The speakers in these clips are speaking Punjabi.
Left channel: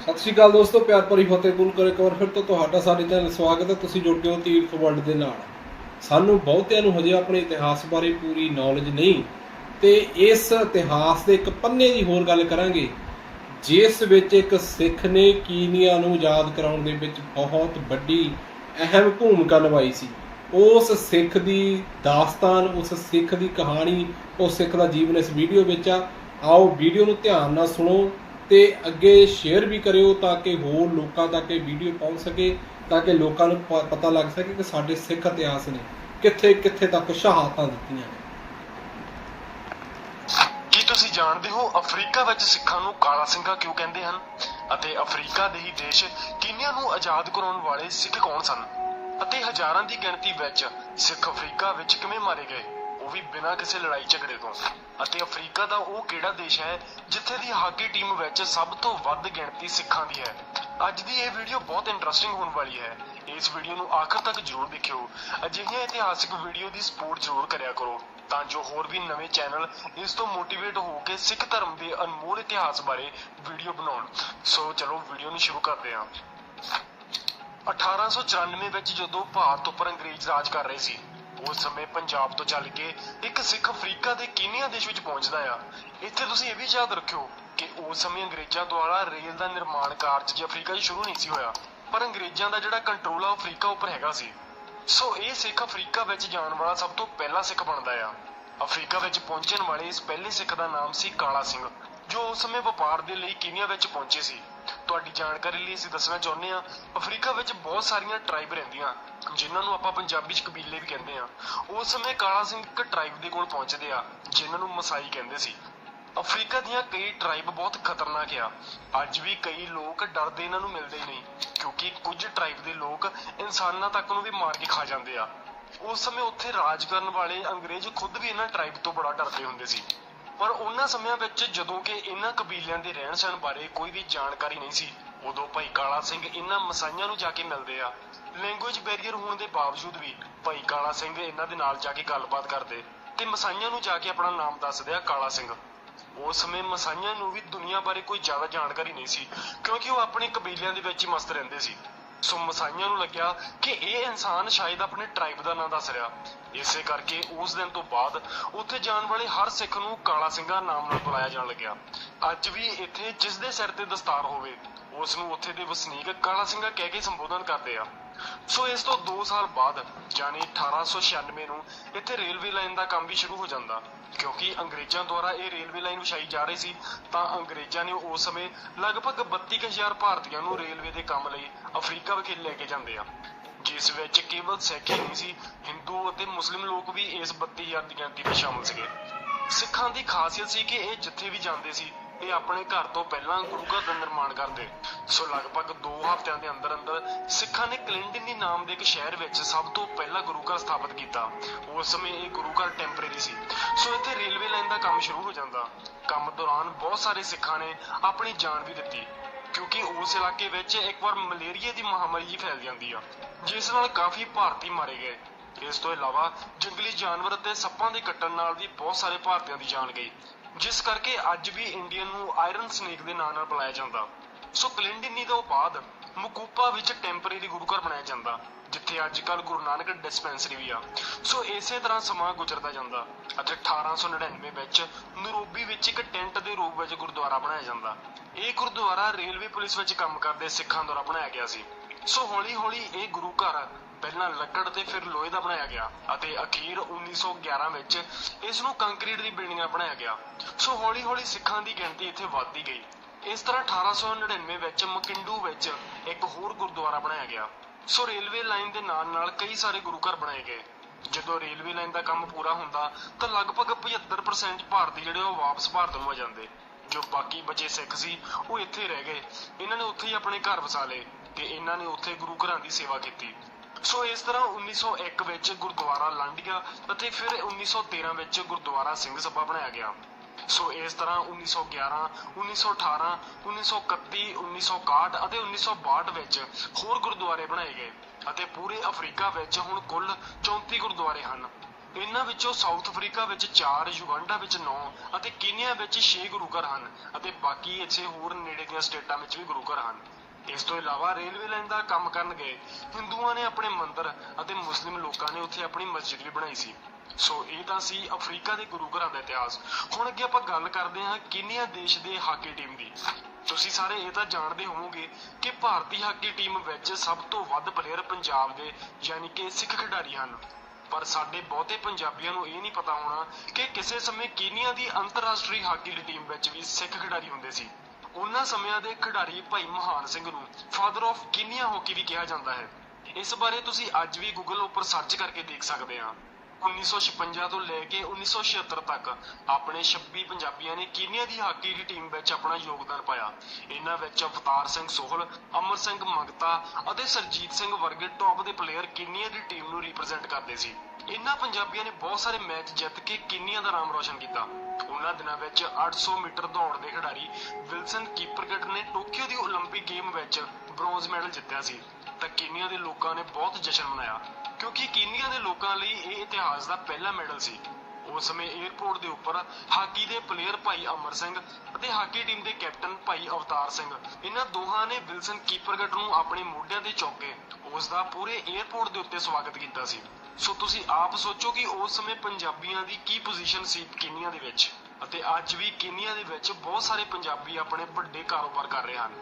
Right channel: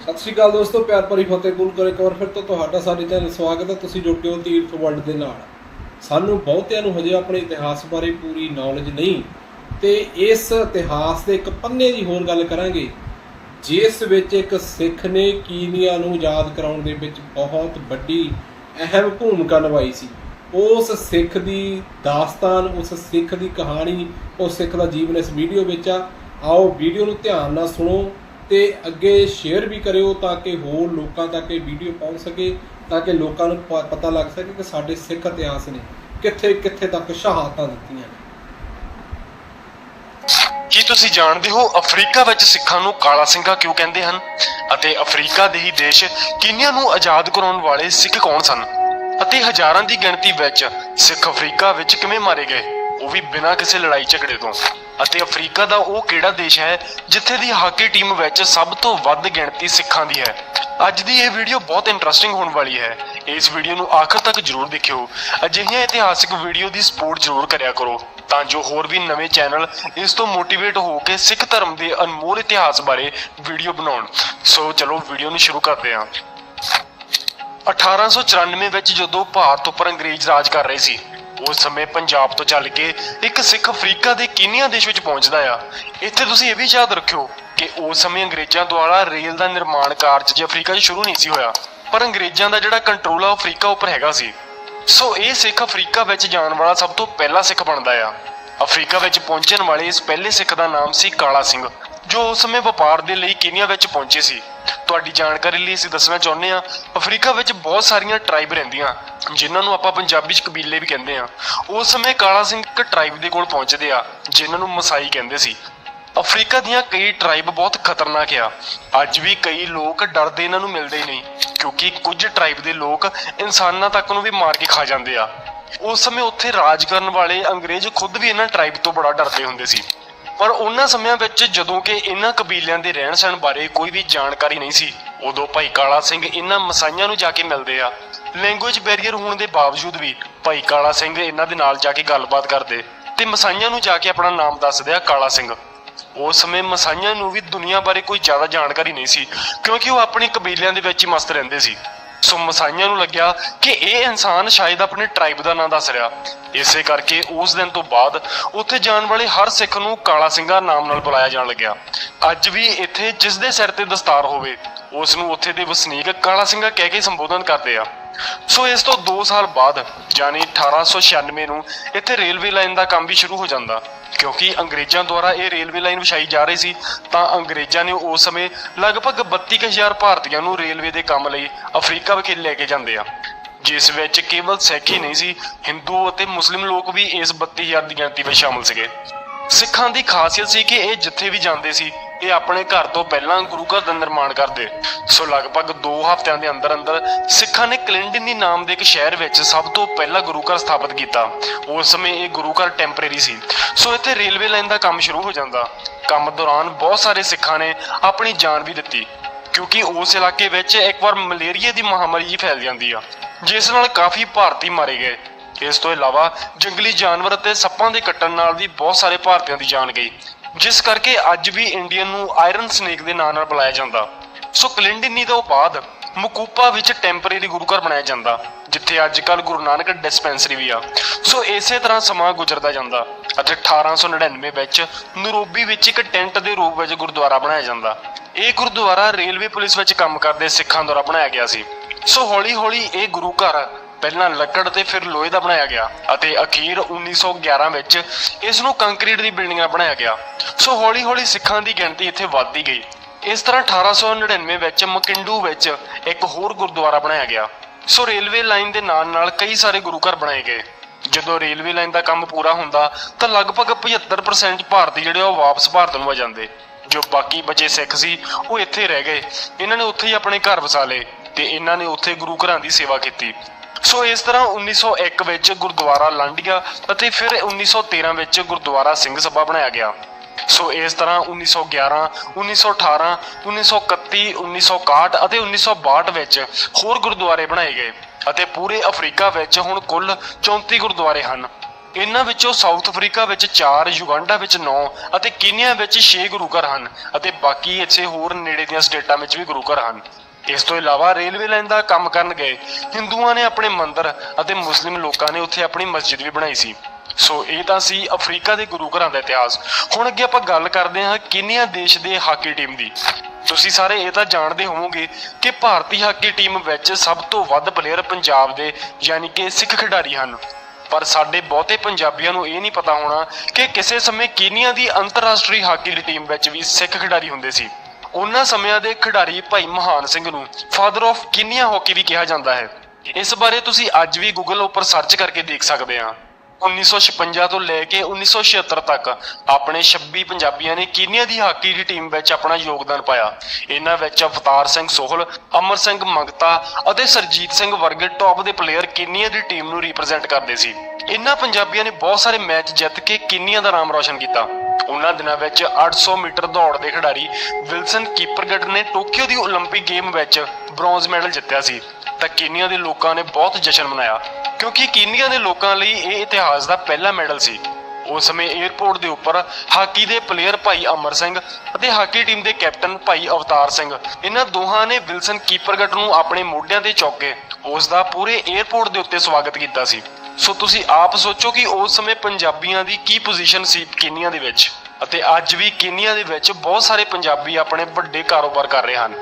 ਸਤਿ ਸ਼੍ਰੀ ਅਕਾਲ ਦੋਸਤੋ, ਪਿਆਰ ਭਰੀ ਫਤਿਹ ਗੁਰੂ ਕਰੇ ਇੱਕ ਵਾਰ ਫਿਰ ਤੋਂ ਤੁਹਾਡਾ ਸਾਡੇ ਚੈਨਲ ਸਵਾਗਤ ਹੈ। ਤੁਸੀਂ ਜੁੜ ਗਏ ਹੋ ਤੀਰਥ ਵਰਲਡ ਦੇ ਨਾਲ। ਸਾਨੂੰ ਬਹੁਤਿਆਂ ਨੂੰ ਹਜੇ ਆਪਣੇ ਇਤਿਹਾਸ ਬਾਰੇ ਪੂਰੀ ਨੌਲੇਜ ਨਹੀਂ। ਤੇ ਇਸ ਇਤਿਹਾਸ ਦੇ ਇੱਕ ਪੰਨੇ ਦੀ ਹੋਰ ਗੱਲ ਕਰਾਂਗੇ। ਜਿਸ ਵਿੱਚ ਇੱਕ ਸਿੱਖ ਨੇ ਕੀਨੀਆ ਨੂੰ ਆਜ਼ਾਦ ਕਰਾਉਣ ਦੇ ਵਿੱਚ ਬਹੁਤ ਵੱਡੀ ਅਹਿਮ ਭੂਮਿਕਾ ਨਿਭਾਈ ਸੀ। ਉਸ ਸਿੱਖ ਦੀ ਦਾਸਤਾਨ, ਉਸ ਸਿੱਖ ਦੀ ਕਹਾਣੀ, ਉਸ ਸਿੱਖ ਦਾ ਜੀਵਨ ਇਸ ਵੀਡੀਓ ਵਿੱਚ ਆ। ਆਓ ਵੀਡੀਓ ਨੂੰ ਧਿਆਨ ਨਾਲ ਸੁਣੋ। ਤੇ ਅੱਗੇ ਸ਼ੇਅਰ ਵੀ ਕਰਿਓ ਤਾਂ ਕਿ ਹੋਰ ਲੋਕਾਂ ਤੱਕ ਇਹ ਵੀਡੀਓ ਪਹੁੰਚ ਸਕੇ, ਤਾਂ ਕਿ ਲੋਕਾਂ ਨੂੰ ਪਤਾ ਲੱਗ ਸਕੇ ਕਿ ਸਾਡੇ ਸਿੱਖ ਇਤਿਹਾਸ ਨੇ ਕਿੱਥੇ ਕਿੱਥੇ ਤੱਕ ਸ਼ਹਾਦਤਾਂ ਦਿੱਤੀਆਂ ਕੀ ਤੁਸੀਂ ਜਾਣਦੇ ਹੋ ਅਫਰੀਕਾ ਵਿੱਚ ਸਿੱਖਾਂ ਨੂੰ ਕਾਲਾ ਸਿੰਘਾ ਕਿਉਂ ਕਹਿੰਦੇ ਹਨ? ਅਤੇ ਅਫਰੀਕਾ ਦੇ ਹੀ ਦੇਸ਼ ਕੀਨੀਆ ਨੂੰ ਆਜ਼ਾਦ ਕਰਾਉਣ ਵਾਲੇ ਸਿੱਖ ਕੌਣ ਸਨ? ਅਤੇ ਹਜ਼ਾਰਾਂ ਦੀ ਗਿਣਤੀ ਵਿੱਚ ਸਿੱਖ ਅਫਰੀਕਾ ਵਿੱਚ ਕਿਵੇਂ ਮਾਰੇ ਗਏ? ਉਹ ਵੀ ਬਿਨਾਂ ਕਿਸੇ ਲੜਾਈ ਝਗੜੇ ਤੋਂ। ਅਤੇ ਅਫਰੀਕਾ ਦਾ ਉਹ ਕਿਹੜਾ ਦੇਸ਼ ਹੈ ਜਿੱਥੇ ਦੀ ਹਾਕੀ ਟੀਮ ਵਿੱਚ ਸਭ ਤੋਂ ਵੱਧ ਗਿਣਤੀ ਸਿੱਖਾਂ ਦੀ ਹੈ? ਅੱਜ ਦੀ ਇਹ ਵੀਡੀਓ ਬਹੁਤ ਇੰਟਰਸਟਿੰਗ ਹੋਣ ਵਾਲੀ ਹੈ। ਇਸ ਵੀਡੀਓ ਨੂੰ ਆਖਰ ਤੱਕ ਜਰੂਰ ਦੇਖਿਓ। ਅਜਿਹੀਆਂ ਇਤਿਹਾਸਿਕ ਵੀਡੀਓ ਦੀ ਸਪੋਰਟ ਜਰੂਰ ਕਰਿਆ ਕਰੋ, ਤਾਂ ਜੋ ਹੋਰ ਵੀ ਨਵੇਂ ਚੈਨਲ ਇਸ ਤੋਂ ਮੋਟੀਵੇਟ ਹੋ ਕੇ ਸਿੱਖ ਧਰਮ ਦੇ ਅਨਮੋਲ ਇਤਿਹਾਸ ਬਾਰੇ ਵੀਡੀਓ ਬਣਾਉਣ। ਸੋ ਚਲੋ ਵੀਡੀਓ ਨੂੰ ਸ਼ੁਰੂ ਕਰਦੇ ਹਾਂ। 1894 ਵਿੱਚ ਜਦੋਂ ਭਾਰਤ ਉੱਪਰ ਅੰਗਰੇਜ਼ ਰਾਜ ਕਰ ਰਹੇ ਸੀ ਉਸ ਸਮੇਂ ਪੰਜਾਬ ਤੋਂ ਚੱਲ ਕੇ ਇੱਕ ਸਿੱਖ ਅਫਰੀਕਾ ਦੇ ਕੀਨੀਆ ਦੇਸ਼ ਵਿੱਚ ਪਹੁੰਚਦਾ ਆ, ਇੱਥੇ ਤੁਸੀਂ ਇਹ ਵੀ ਯਾਦ ਰੱਖਿਓ ਕਿ ਉਸ ਸਮੇਂ ਅੰਗਰੇਜ਼ਾਂ ਦੁਆਰਾ ਰੇਲ ਦਾ ਨਿਰਮਾਣ ਕਾਰਜ ਜੇ ਅਫਰੀਕਾ 'ਚ ਸ਼ੁਰੂ ਨਹੀਂ ਸੀ ਹੋਇਆ, ਪਰ ਅੰਗਰੇਜ਼ਾਂ ਦਾ ਜਿਹੜਾ ਕੰਟਰੋਲ ਆ ਉਹ ਅਫਰੀਕਾ ਉੱਪਰ ਹੈਗਾ ਸੀ। ਸੋ ਇਹ ਸਿੱਖ ਅਫਰੀਕਾ ਵਿੱਚ ਜਾਣ ਵਾਲਾ ਸਭ ਤੋਂ ਪਹਿਲਾ ਸਿੱਖ ਬਣਦਾ ਆ। ਅਫਰੀਕਾ ਵਿੱਚ ਪਹੁੰਚਣ ਵਾਲੇ ਇਸ ਪਹਿਲੇ ਸਿੱਖ ਦਾ ਨਾਮ ਸੀ ਕਾਲਾ ਸਿੰਘ, ਜੋ ਉਸ ਸਮੇਂ ਵਪਾਰ ਦੇ ਲਈ ਕੀਨੀਆ ਵਿੱਚ ਪਹੁੰਚੇ ਸੀ। ਤੁਹਾਡੀ ਜਾਣਕਾਰੀ ਲਈ ਅਸੀਂ ਦੱਸਣਾ ਚਾਹੁੰਦੇ ਹਾਂ, ਅਫਰੀਕਾ ਵਿੱਚ ਬਹੁਤ ਸਾਰੀਆਂ ਟ੍ਰਾਈਬ ਰਹਿੰਦੀਆਂ, ਜਿਨ੍ਹਾਂ ਨੂੰ ਆਪਾਂ ਪੰਜਾਬੀ 'ਚ ਕਬੀਲੇ ਵੀ ਕਹਿੰਦੇ ਆ ਉਸ ਸਮੇਂ ਕਾਲਾ ਸਿੰਘ ਇੱਕ ਟ੍ਰਾਈਬ ਦੇ ਕੋਲ ਪਹੁੰਚਦੇ ਆ, ਜਿਨ੍ਹਾਂ ਨੂੰ ਮਸਾਈ ਕਹਿੰਦੇ ਸੀ। ਅਫਰੀਕਾ ਦੀਆਂ ਕਈ ਟ੍ਰਾਈਬ ਬਹੁਤ ਖਤਰਨਾਕ ਆ। ਅੱਜ ਵੀ ਕਈ ਲੋਕ ਡਰਦੇ ਇਹਨਾਂ ਨੂੰ ਮਿਲਦੇ ਹੀ ਨਹੀਂ, ਕਿਉਂਕਿ ਕੁਝ ਟ੍ਰਾਈਬ ਦੇ ਲੋਕ ਇਨਸਾਨਾਂ ਤੱਕ ਨੂੰ ਵੀ ਮਾਰ ਕੇ ਖਾ ਜਾਂਦੇ ਆ। ਉਸ ਸਮੇਂ ਉੱਥੇ ਰਾਜ ਕਰਨ ਵਾਲੇ ਅੰਗਰੇਜ਼ ਖੁਦ ਵੀ ਇਹਨਾਂ ਟ੍ਰਾਈਬ ਤੋਂ ਬੜਾ ਡਰਦੇ ਹੁੰਦੇ ਸੀ। ਪਰ ਉਹਨਾਂ ਸਮਿਆਂ ਵਿੱਚ ਜਦੋਂ ਕਿ ਇਹਨਾਂ ਕਬੀਲਿਆਂ ਦੇ ਰਹਿਣ ਸਹਿਣ ਬਾਰੇ ਕੋਈ ਵੀ ਜਾਣਕਾਰੀ ਨਹੀਂ ਸੀ, ਉਦੋਂ ਭਾਈ ਕਾਲਾ ਸਿੰਘ ਇਹਨਾਂ ਮਸਾਈਆਂ ਨੂੰ ਜਾ ਕੇ ਮਿਲਦੇ ਆ। ਲੈਂਗੁਏਜ ਬੈਰੀਅਰ ਹੋਣ ਦੇ ਬਾਵਜੂਦ ਵੀ ਭਾਈ ਕਾਲਾ ਸਿੰਘ ਇਹਨਾਂ ਦੇ ਨਾਲ ਜਾ ਕੇ ਗੱਲਬਾਤ ਕਰਦੇ ਤੇ ਮਸਾਈਆਂ ਨੂੰ ਜਾ ਕੇ ਆਪਣਾ ਨਾਮ ਦੱਸਦੇ ਆ ਕਾਲਾ ਸਿੰਘ। ਉਸ ਸਮੇਂ ਮਸਾਈਆਂ ਨੂੰ ਵੀ ਦੁਨੀਆ ਬਾਰੇ ਕੋਈ ਜ਼ਿਆਦਾ ਜਾਣਕਾਰੀ ਨਹੀਂ ਸੀ, ਕਿਉਂਕਿ ਉਹ ਆਪਣੇ ਕਬੀਲਿਆਂ ਦੇ ਵਿੱਚ ਹੀ ਮਸਤ ਰਹਿੰਦੇ ਸੀ। ਸੋ ਮਸਾਈਆਂ ਨੂੰ ਲੱਗਿਆ ਕਿ ਇਹ ਇਨਸਾਨ ਸ਼ਾਇਦ ਆਪਣੇ ਟ੍ਰਾਈਬ ਦਾ ਨਾਂ ਦੱਸ ਰਿਹਾ। ਇਸੇ ਕਰਕੇ ਉਸ ਦਿਨ ਤੋਂ ਬਾਅਦ ਉੱਥੇ ਜਾਣ ਵਾਲੇ ਹਰ ਸਿੱਖ ਨੂੰ ਕਾਲਾ ਸਿੰਘਾ ਨਾਮ ਨਾਲ ਬੁਲਾਇਆ ਜਾਣ ਲੱਗਿਆ। ਅੱਜ ਵੀ ਇੱਥੇ ਜਿਸ ਦੇ ਸਿਰ ਤੇ ਦਸਤਾਰ ਹੋਵੇ, ਉਸ ਨੂੰ ਉੱਥੇ ਦੇ ਵਸਨੀਕ ਕਾਲਾ ਸਿੰਘਾ ਕਹਿ ਕੇ ਸੰਬੋਧਨ ਕਰਦੇ ਆ। ਸੋ ਇਸ ਤੋਂ 2 ਸਾਲ ਬਾਅਦ, ਯਾਨੀ 1896 ਨੂੰ, ਇੱਥੇ ਰੇਲਵੇ ਲਾਈਨ ਦਾ ਕੰਮ ਵੀ ਸ਼ੁਰੂ ਹੋ ਜਾਂਦਾ। ਕਿਉਂਕਿ ਅੰਗਰੇਜ਼ਾਂ ਦੁਆਰਾ ਇਹ ਰੇਲਵੇ ਲਾਈਨ ਵਿਛਾਈ ਜਾ ਰਹੀ ਸੀ, ਤਾਂ ਅੰਗਰੇਜ਼ਾਂ ਨੇ ਉਸ ਸਮੇਂ ਲਗਭਗ 32000 ਭਾਰਤੀਆਂ ਨੂੰ ਰੇਲਵੇ ਦੇ ਕੰਮ ਲਈ ਅਫਰੀਕਾ ਵਿਖੇ ਲੈ ਕੇ ਜਾਂਦੇ ਆ। ਜਿਸ ਵਿੱਚ ਕੇਵਲ ਸਿੱਖ ਹੀ ਨਹੀਂ ਸੀ, ਹਿੰਦੂ ਅਤੇ ਮੁਸਲਿਮ ਲੋਕ ਵੀ ਇਸ 32000 ਦੀ ਗਿਣਤੀ ਵਿੱਚ ਸ਼ਾਮਲ ਸੀਗੇ। ਸਿੱਖਾਂ ਦੀ ਖਾਸੀਅਤ ਸੀ ਕਿ ਇਹ ਜਿੱਥੇ ਵੀ ਜਾਂਦੇ ਸੀ ਇਹ ਆਪਣੇ ਘਰ ਤੋਂ ਪਹਿਲਾਂ ਗੁਰੂ ਘਰ ਦਾ ਨਿਰਮਾਣ ਕਰਦੇ। ਸੋ ਲਗਭਗ 2 ਹਫ਼ਤਿਆਂ ਦੇ ਅੰਦਰ ਅੰਦਰ ਸਿੱਖਾਂ ਨੇ ਕਲਿੰਡਨੀ ਨਾਮ ਦੇ ਇੱਕ ਸ਼ਹਿਰ ਵਿੱਚ ਸਭ ਤੋਂ ਪਹਿਲਾ ਗੁਰੂ ਘਰ ਸਥਾਪਿਤ ਕੀਤਾ। ਉਸ ਸਮੇਂ ਇਹ ਗੁਰੂ ਘਰ ਟੈਂਪਰੇਰੀ ਸੀ। ਸੋ ਇੱਥੇ ਰੇਲਵੇ ਲਾਈਨ ਦਾ ਕੰਮ ਸ਼ੁਰੂ ਹੋ ਜਾਂਦਾ। ਕੰਮ ਦੌਰਾਨ ਬਹੁਤ ਸਾਰੇ ਸਿੱਖਾਂ ਨੇ ਆਪਣੀ ਜਾਨ ਵੀ ਦਿੱਤੀ। ਕਿਉਂਕਿ ਉਸ ਇਲਾਕੇ ਵਿੱਚ ਇੱਕ ਵਾਰ ਮਲੇਰੀਆ ਦੀ ਮਹਾਮਾਰੀ ਜੀ ਫੈਲ ਜਾਂਦੀ ਆ। ਜਿਸ ਨਾਲ ਕਾਫੀ ਭਾਰਤੀ ਮਾਰੇ ਗਏ। ਇਸ ਤੋਂ ਇਲਾਵਾ ਜੰਗਲੀ ਜਾਨਵਰ ਅਤੇ ਸੱਪਾਂ ਦੇ ਕੱਟਣ ਨਾਲ ਵੀ ਬਹੁਤ ਸਾਰੇ ਭਾਰਤੀਆਂ ਦੀ ਜਾਨ ਗਈ। ਜਿਸ ਕਰਕੇ ਅੱਜ ਵੀ ਇੰਡੀਅਨ ਨੂੰ ਆਇਰਨ ਸਨੇਕ ਦੇ ਨਾਂ ਨਾਲ ਬੁਲਾਇਆ ਜਾਂਦਾ। ਸੋ ਕਲਿੰਡਨੀ ਤੋਂ ਬਾਅਦ ਮਕੂਪਾ ਵਿੱਚ ਟੈਂਪਰੇਰੀ ਗੁਰੂ ਘਰ ਬਣਾਇਆ ਜਾਂਦਾ, ਜਿੱਥੇ ਅੱਜ ਕੱਲ ਗੁਰੂ ਨਾਨਕ ਡਿਸਪੈਂਸਰੀ ਵੀ ਆ। ਸੋ ਇਸੇ ਤਰ੍ਹਾਂ ਸਮਾਂ ਗੁਜ਼ਰਦਾ ਜਾਂਦਾ ਅਤੇ 1899 ਵਿੱਚ ਨਰੋਬੀ ਵਿੱਚ ਇੱਕ ਟੈਂਟ ਦੇ ਰੂਪ ਵਿੱਚ ਗੁਰਦੁਆਰਾ ਬਣਾਇਆ ਜਾਂਦਾ। ਇਹ ਗੁਰਦੁਆਰਾ ਰੇਲਵੇ ਪੁਲਿਸ ਵਿੱਚ ਕੰਮ ਕਰਦੇ ਸਿੱਖਾਂ ਦੁਆਰਾ ਬਣਾਇਆ ਗਿਆ ਸੀ। ਸੋ ਹੌਲੀ ਹੌਲੀ ਇਹ ਗੁਰੂ ਘਰ ਪਹਿਲਾਂ ਲੱਕੜ ਤੇ ਫਿਰ ਲੋਹੇ ਦਾ ਬਣਾਇਆ ਗਿਆ ਅਤੇ ਅਖੀਰ 1911 ਵਿੱਚ ਇਸ ਨੂੰ ਕੰਕਰੀਟ ਦੀ ਬਿਲਡਿੰਗਾਂ ਬਣਾਇਆ ਗਿਆ। ਸੋ ਹੌਲੀ ਹੌਲੀ ਸਿੱਖਾਂ ਦੀ ਗਿਣਤੀ ਇੱਥੇ ਵੱਧਦੀ ਗਈ। ਇਸ ਤਰ੍ਹਾਂ 1899 ਵਿੱਚ ਮਕਿੰਡੂ ਵਿੱਚ ਇੱਕ ਹੋਰ ਗੁਰਦੁਆਰਾ ਬਣਾਇਆ ਗਿਆ। ਸੋ ਰੇਲਵੇ ਲਾਈਨ ਦੇ ਨਾਲ ਨਾਲ ਕਈ ਸਾਰੇ ਗੁਰੂ ਘਰ ਬਣਾਏ ਗਏ। ਜਦੋਂ ਰੇਲਵੇ ਲਾਈਨ ਦਾ ਕੰਮ ਪੂਰਾ ਹੁੰਦਾ, ਤਾਂ ਲਗਭਗ 75% ਭਾਰਤੀ ਜਿਹੜੇ ਉਹ ਵਾਪਸ ਭਾਰਤ ਨੂੰ ਆ ਜਾਂਦੇ। ਜੋ ਬਾਕੀ ਬਚੇ ਸਿੱਖ ਸੀ, ਉਹ ਇੱਥੇ ਰਹਿ ਗਏ। ਇਹਨਾਂ ਨੇ ਉੱਥੇ ਹੀ ਆਪਣੇ ਘਰ ਵਸਾ ਲਏ ਤੇ ਇਹਨਾਂ ਨੇ ਉੱਥੇ ਗੁਰੂ ਘਰਾਂ ਦੀ ਸੇਵਾ ਕੀਤੀ। ਸੋ ਇਸ ਤਰ੍ਹਾਂ 1901 ਵਿੱਚ ਗੁਰਦੁਆਰਾ ਲਾਂਡੀਆ ਅਤੇ ਫਿਰ 1913 ਵਿੱਚ ਗੁਰਦੁਆਰਾ ਸਿੰਘ ਸਭਾ ਬਣਾਇਆ ਗਿਆ। ਸੋ ਇਸ ਤਰ੍ਹਾਂ 1911 1918 1931 1961 ਅਤੇ 1962 ਵਿੱਚ ਹੋਰ ਗੁਰਦੁਆਰੇ ਬਣਾਏ ਗਏ ਅਤੇ ਪੂਰੇ ਅਫਰੀਕਾ ਵਿੱਚ ਹੁਣ ਕੁੱਲ 34 ਗੁਰਦੁਆਰੇ ਹਨ। ਇਹਨਾਂ ਵਿੱਚੋਂ ਸਾਊਥ ਅਫਰੀਕਾ ਵਿੱਚ 4 ਯੁਗੰਡਾ ਵਿੱਚ 9 ਅਤੇ ਕੀਨੀਆ ਵਿੱਚ 6 ਗੁਰੂ ਘਰ ਹਨ ਅਤੇ ਬਾਕੀ ਇੱਥੇ ਹੋਰ ਨੇੜੇ ਦੀਆਂ ਸਟੇਟਾਂ ਵਿੱਚ ਵੀ ਗੁਰੂ ਘਰ ਹਨ। ਇਸ ਤੋਂ ਇਲਾਵਾ ਰੇਲਵੇ ਲਾਈਨ ਦਾ ਕੰਮ ਕਰਨ ਗਏ, ਹਿੰਦੂਆਂ ਨੇ ਆਪਣੇ ਮੰਦਰ ਅਤੇ ਮੁਸਲਿਮ ਲੋਕਾਂ ਨੇ ਉੱਥੇ ਆਪਣੀ ਮਸਜਿਦ ਵੀ ਬਣਾਈ ਸੀ। ਸੋ ਇਹ ਤਾਂ ਸੀ ਅਫਰੀਕਾ ਦੇ ਗੁਰੂ ਘਰਾਂ ਦਾ ਇਤਿਹਾਸ। ਹੁਣ ਅੱਗੇ ਆਪਾਂ ਗੱਲ ਕਰਦੇ ਹਾਂ ਕੀਨੀਆ ਦੇਸ਼ ਦੇ ਹਾਕੀ ਟੀਮ ਦੀ। ਤੁਸੀਂ ਸਾਰੇ ਇਹ ਤਾਂ ਜਾਣਦੇ ਹੋਵੋਗੇ ਕਿ ਭਾਰਤੀ ਹਾਕੀ ਟੀਮ ਵਿੱਚ ਸਭ ਤੋਂ ਵੱਧ ਪਲੇਅਰ ਪੰਜਾਬ ਦੇ ਯਾਨੀ ਕਿ ਸਿੱਖ ਖਿਡਾਰੀ ਹਨ। ਪਰ ਸਾਡੇ ਬਹੁਤੇ ਪੰਜਾਬੀਆਂ ਨੂੰ ਇਹ ਨਹੀਂ ਪਤਾ ਹੋਣਾ ਕਿ ਕਿਸੇ ਸਮੇਂ ਕੀਨੀਆ ਦੀ ਅੰਤਰਰਾਸ਼ਟਰੀ ਹਾਕੀ ਦੀ ਟੀਮ ਵਿੱਚ ਵੀ ਸਿੱਖ ਖਿਡਾਰੀ ਹੁੰਦੇ ਸੀ। ਉਹਨਾਂ ਸਮਿਆਂ ਦੇ ਖਿਡਾਰੀ ਭਾਈ ਮਹਾਨ ਸਿੰਘ ਨੂੰ ਫਾਦਰ ਆਫ ਕੀਨੀਆ ਹਾਕੀ ਵੀ ਕਿਹਾ ਜਾਂਦਾ ਹੈ। ਇਸ ਬਾਰੇ ਤੁਸੀਂ ਅੱਜ ਵੀ ਗੂਗਲ ਉੱਪਰ ਸਰਚ ਕਰਕੇ ਦੇਖ ਸਕਦੇ ਆ 1956 ਤੋਂ ਲੈ ਕੇ 1976 ਤੱਕ ਆਪਣੇ 26 ਪੰਜਾਬੀਆਂ ਨੇ ਕੀਨੀਆ ਦੀ ਹਾਕੀ ਦੀ ਟੀਮ ਵਿੱਚ ਆਪਣਾ ਯੋਗਦਾਨ ਪਾਇਆ? ਇਹਨਾਂ ਵਿੱਚ ਅਵਤਾਰ ਸਿੰਘ ਸੋਹਲ, ਅਮਰ ਸਿੰਘ ਮੰਗਤਾ ਅਤੇ ਸਰਜੀਤ ਸਿੰਘ ਵਰਗੇ ਟੌਪ ਦੇ ਪਲੇਅਰ ਕੀਨੀਆ ਦੀ ਟੀਮ ਨੂੰ ਰਿਪਰੈਜ਼ੈਂਟ ਕਰਦੇ ਸੀ? ਇਹਨਾਂ ਪੰਜਾਬੀਆਂ ਨੇ ਬਹੁਤ ਸਾਰੇ ਮੈਚ ਜਿੱਤ ਕੇ ਕੀਨੀਆ ਦਾ ਨਾਮ ਰੌਸ਼ਨ ਕੀਤਾ? ਉਹਨਾਂ ਦਿਨਾਂ ਵਿੱਚ 800 ਮੀਟਰ ਦੌੜ ਦੇ ਖਿਡਾਰੀ ਵਿਲਸਨ ਕੀਪਰਗਟ ਨੇ ਟੋਕੀਓ ਦੀ 올림픽 ਗੇਮ ਵਿੱਚ ਬ੍ਰੌਂਜ਼ ਮੈਡਲ ਜਿੱਤਿਆ ਸੀ। ਤਾਂ ਕੀਨੀਆ ਦੇ ਲੋਕਾਂ ਨੇ ਬਹੁਤ ਜਸ਼ਨ ਮਨਾਇਆ, ਕਿਉਂਕਿ ਕੀਨੀਆ ਦੇ ਲੋਕਾਂ ਲਈ ਇਹ ਇਤਿਹਾਸ ਦਾ ਪਹਿਲਾ ਮੈਡਲ ਸੀ। ਉਸ ਸਮੇਂ 에어ਪੋਰਟ ਦੇ ਉੱਪਰ ਹਾਕੀ ਦੇ ਪਲੇਅਰ ਭਾਈ ਅਮਰ ਸਿੰਘ ਅਤੇ ਹਾਕੀ ਟੀਮ ਦੇ ਕੈਪਟਨ ਭਾਈ ਅਵਤਾਰ ਸਿੰਘ, ਇਹਨਾਂ ਦੋਹਾਂ ਨੇ ਵਿਲਸਨ ਕੀਪਰਗਟ ਨੂੰ ਆਪਣੇ ਮੋਢਿਆਂ ਤੇ ਚੌਕੇ ਉਸ ਦਾ ਪੂਰੇ 에어ਪੋਰਟ ਦੇ ਉੱਤੇ ਸਵਾਗਤ ਕੀਤਾ ਸੀ। ਸੋ ਤੁਸੀਂ ਆਪ ਸੋਚੋ ਕਿ ਉਸ ਸਮੇਂ ਪੰਜਾਬੀਆਂ ਦੀ ਕੀ ਪੋਜੀਸ਼ਨ ਸੀ ਕੀਨੀਆ ਦੇ ਵਿੱਚ? ਅਤੇ ਅੱਜ ਵੀ ਕੀਨੀਆ ਦੇ ਵਿੱਚ ਬਹੁਤ ਸਾਰੇ ਪੰਜਾਬੀ ਆਪਣੇ ਵੱਡੇ ਕਾਰੋਬਾਰ ਕਰ ਰਹੇ ਹਨ?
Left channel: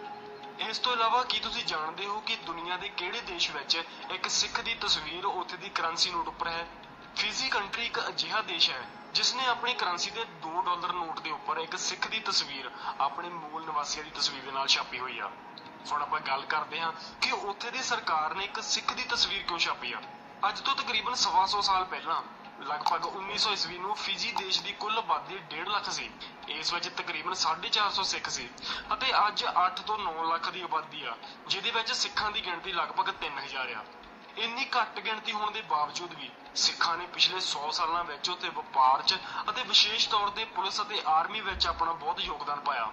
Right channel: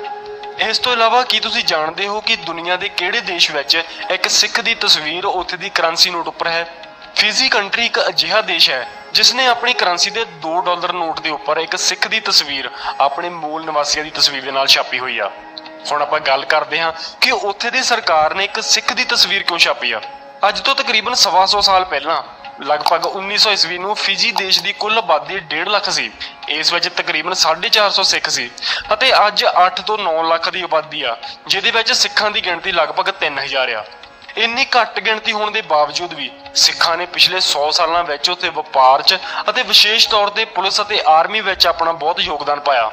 ਇਸ ਤੋਂ ਇਲਾਵਾ ਕੀ ਤੁਸੀਂ ਜਾਣਦੇ ਹੋ ਕਿ ਦੁਨੀਆ ਦੇ ਕਿਹੜੇ ਦੇਸ਼ ਵਿੱਚ ਇੱਕ ਸਿੱਖ ਦੀ ਤਸਵੀਰ ਉੱਥੇ ਦੀ ਕਰੰਸੀ ਨੋਟ ਉੱਪਰ ਹੈ? ਫਿਜੀ ਕੰਟਰੀ ਇੱਕ ਅਜਿਹਾ ਦੇਸ਼ ਹੈ ਜਿਸ ਨੇ ਆਪਣੀ ਕਰੰਸੀ ਦੇ 2 ਡਾਲਰ ਨੋਟ ਦੇ ਉੱਪਰ ਇੱਕ ਸਿੱਖ ਦੀ ਤਸਵੀਰ ਆਪਣੇ ਮੂਲ ਨਿਵਾਸੀਆਂ ਦੀ ਤਸਵੀਰ ਦੇ ਨਾਲ ਛਾਪੀ ਹੋਈ ਆ। ਹੁਣ ਆਪਾਂ ਗੱਲ ਕਰਦੇ ਹਾਂ ਕਿ ਉੱਥੇ ਦੀ ਸਰਕਾਰ ਨੇ ਇੱਕ ਸਿੱਖ ਦੀ ਤਸਵੀਰ ਕਿਉਂ ਛਾਪੀ ਆ? ਅੱਜ ਤੋਂ ਤਕਰੀਬਨ 125 ਸਾਲ ਪਹਿਲਾਂ, ਲਗਭਗ 1900 ਈਸਵੀ ਨੂੰ ਫਿਜੀ ਦੇਸ਼ ਦੀ ਕੁੱਲ ਆਬਾਦੀ 1.5 ਲੱਖ ਸੀ। ਇਸ ਵਿੱਚ ਤਕਰੀਬਨ 450 ਸਿੱਖ ਸੀ ਅਤੇ ਅੱਜ 8 ਤੋਂ 9 ਲੱਖ ਦੀ ਆਬਾਦੀ ਆ, ਜਿਹਦੇ ਵਿੱਚ ਸਿੱਖਾਂ ਦੀ ਗਿਣਤੀ ਲਗਭਗ 3000 ਆ। ਇੰਨੀ ਘੱਟ ਗਿਣਤੀ ਹੋਣ ਦੇ ਬਾਵਜੂਦ ਵੀ ਸਿੱਖਾਂ ਨੇ ਪਿਛਲੇ 100 ਸਾਲਾਂ ਵਿੱਚ ਉੱਥੇ ਵਪਾਰ 'ਚ ਅਤੇ ਵਿਸ਼ੇਸ਼ ਤੌਰ ਤੇ ਪੁਲਿਸ ਅਤੇ ਆਰਮੀ ਵਿੱਚ ਆਪਣਾ ਬਹੁਤ ਯੋਗਦਾਨ ਪਾਇਆ।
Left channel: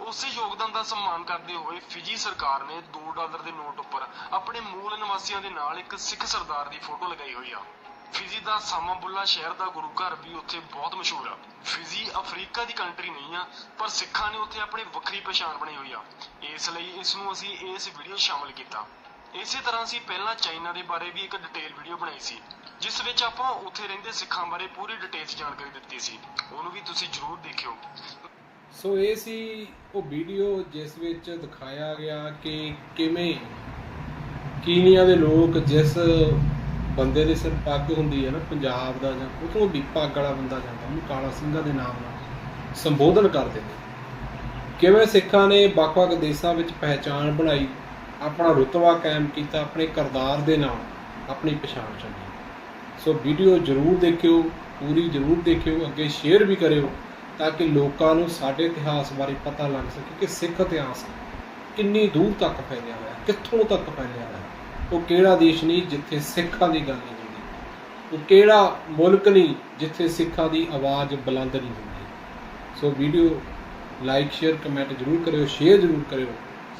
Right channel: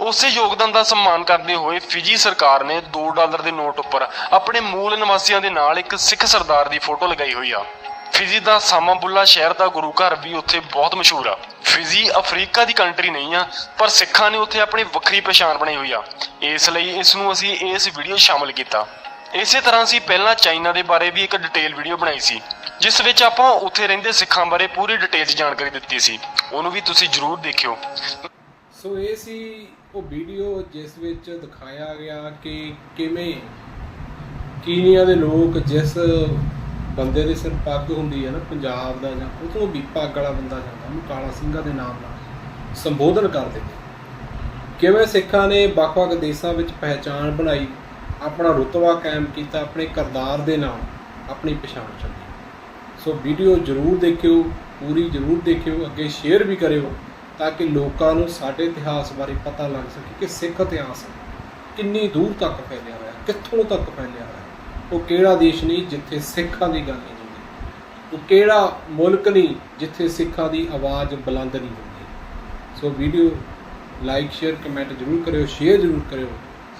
ਉਸੇ ਯੋਗਦਾਨ ਦਾ ਸਨਮਾਨ ਕਰਦੇ ਹੋਏ ਫਿਜੀ ਸਰਕਾਰ ਨੇ 2 ਡਾਲਰ ਦੇ ਨੋਟ ਉੱਪਰ ਆਪਣੇ ਮੂਲ ਨਿਵਾਸੀਆਂ ਦੇ ਨਾਲ ਇੱਕ ਸਿੱਖ ਸਰਦਾਰ ਦੀ ਫੋਟੋ ਲਗਾਈ ਹੋਈ ਆ। ਫਿਜੀ ਦਾ ਸਾਮਾਬੁੱਲਾ ਸ਼ਹਿਰ ਦਾ ਗੁਰੂ ਘਰ ਵੀ ਉੱਥੇ ਬਹੁਤ ਮਸ਼ਹੂਰ ਆ। ਫਿਜੀ ਅਫਰੀਕਾ ਦੀ ਕੰਟਰੀ ਨਹੀਂ ਆ, ਪਰ ਸਿੱਖਾਂ ਨੇ ਉੱਥੇ ਆਪਣੀ ਵੱਖਰੀ ਪਛਾਣ ਬਣਾਈ ਹੋਈ ਆ। ਇਸ ਲਈ ਇਸ ਨੂੰ ਅਸੀਂ ਇਸ ਵੀਡੀਓ ਸ਼ਾਮਲ ਕੀਤਾ। ਇਸੇ ਤਰ੍ਹਾਂ ਅਸੀਂ ਪਹਿਲਾਂ ਚਾਈਨਾ ਦੇ ਬਾਰੇ ਵੀ ਇੱਕ ਡਿਟੇਲ ਵੀਡੀਓ ਬਣਾਈ ਸੀ, ਜਿਸ ਵਿੱਚ ਆਪਾਂ ਉੱਥੇ ਰਹਿੰਦੇ ਸਿੱਖਾਂ ਬਾਰੇ ਪੂਰੀ ਡਿਟੇਲ ਜਾਣਕਾਰੀ ਦਿੱਤੀ ਸੀ। ਉਹਨੂੰ ਵੀ ਤੁਸੀਂ ਜਰੂਰ ਦੇਖਿਓ। ਸੋ ਇਹ ਸੀ ਉਹ ਵੀਡੀਓ ਜਿਸ ਵਿੱਚ ਦਿਖਾਇਆ ਗਿਆ ਕਿ ਕਿਵੇਂ ਕੀਨੀਆ ਦੇ ਲੋਕ ਜਿਸ ਬੰਦੇ ਦੇ ਸਿਰ ਪੱਗ ਹੁੰਦੀ ਹੈ ਨਾ, ਪੰਜਾਬ ਦਾ ਜਾਂ ਉਤੋਂ ਦੀ ਪੱਗ ਵਾਲਾ ਬੰਦਾ ਜਾਂਦਾ, ਉਹਨੂੰ ਕਾਲਾ ਸਿੰਘਾ ਦੇ ਨਾਮ ਨਾਲ ਸੰਬੋਧਨ ਕਰਦੇ ਨੇ। ਕਿਵੇਂ ਸਿੱਖਾਂ ਨੇ ਵੱਖ-ਵੱਖ ਦੇਸ਼ਾਂ ਵਿੱਚ ਪਹਿਚਾਣ ਬਣਾਈ, ਆਪਣਾ ਰੁਤਬਾ ਕਾਇਮ ਕੀਤਾ, ਆਪਣੇ ਕਰਤਾਰ ਦੇ ਨਾਲ ਆਪਣੀ ਪਛਾਣ ਛੱਡੀ ਸੋ ਵੀਡੀਓ ਜਰੂਰ ਦੇਖਿਓ, ਪੂਰੀ ਜਰੂਰ ਦੇਖਿਓ, ਅੱਗੇ ਸ਼ੇਅਰ ਵੀ ਕਰਿਓ। ਤਾਂ ਕਿ ਲੋਕਾਂ ਨੂੰ ਸਾਡੇ ਇਤਿਹਾਸ ਬਾਰੇ ਪਤਾ ਲੱਗ ਸਕੇ ਕਿ ਸਿੱਖ ਇਤਿਹਾਸ ਕਿੰਨੀ ਦੂਰ ਤੱਕ ਫੈਲਿਆ ਹੋਇਆ, ਕਿੱਥੋਂ ਤੱਕ ਫੈਲਿਆ ਹੋਇਆ। ਉਹ ਕਿਹੜਾ ਦੇਸ਼ ਨਹੀਂ ਜਿੱਥੇ ਸਿੱਖਾਂ ਦੀ ਗੱਲ ਨਹੀਂ ਹੁੰਦੀ। ਉਹ ਕਿਹੜਾ ਮੁਲਕ ਨਹੀਂ ਜਿੱਥੇ ਸਿੱਖਾਂ ਦੀ ਆਵਾਜ਼ ਬੁਲੰਦ ਨਹੀਂ ਹੁੰਦੀ। So video like, share, comment ਜਰੂਰ ਕਰਿਓ, ਸ਼ੇਅਰ ਜਰੂਰ ਕਰਿਓ।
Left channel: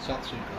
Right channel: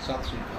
ਸਤਿ ਸ਼੍ਰੀ ਅਕਾਲ।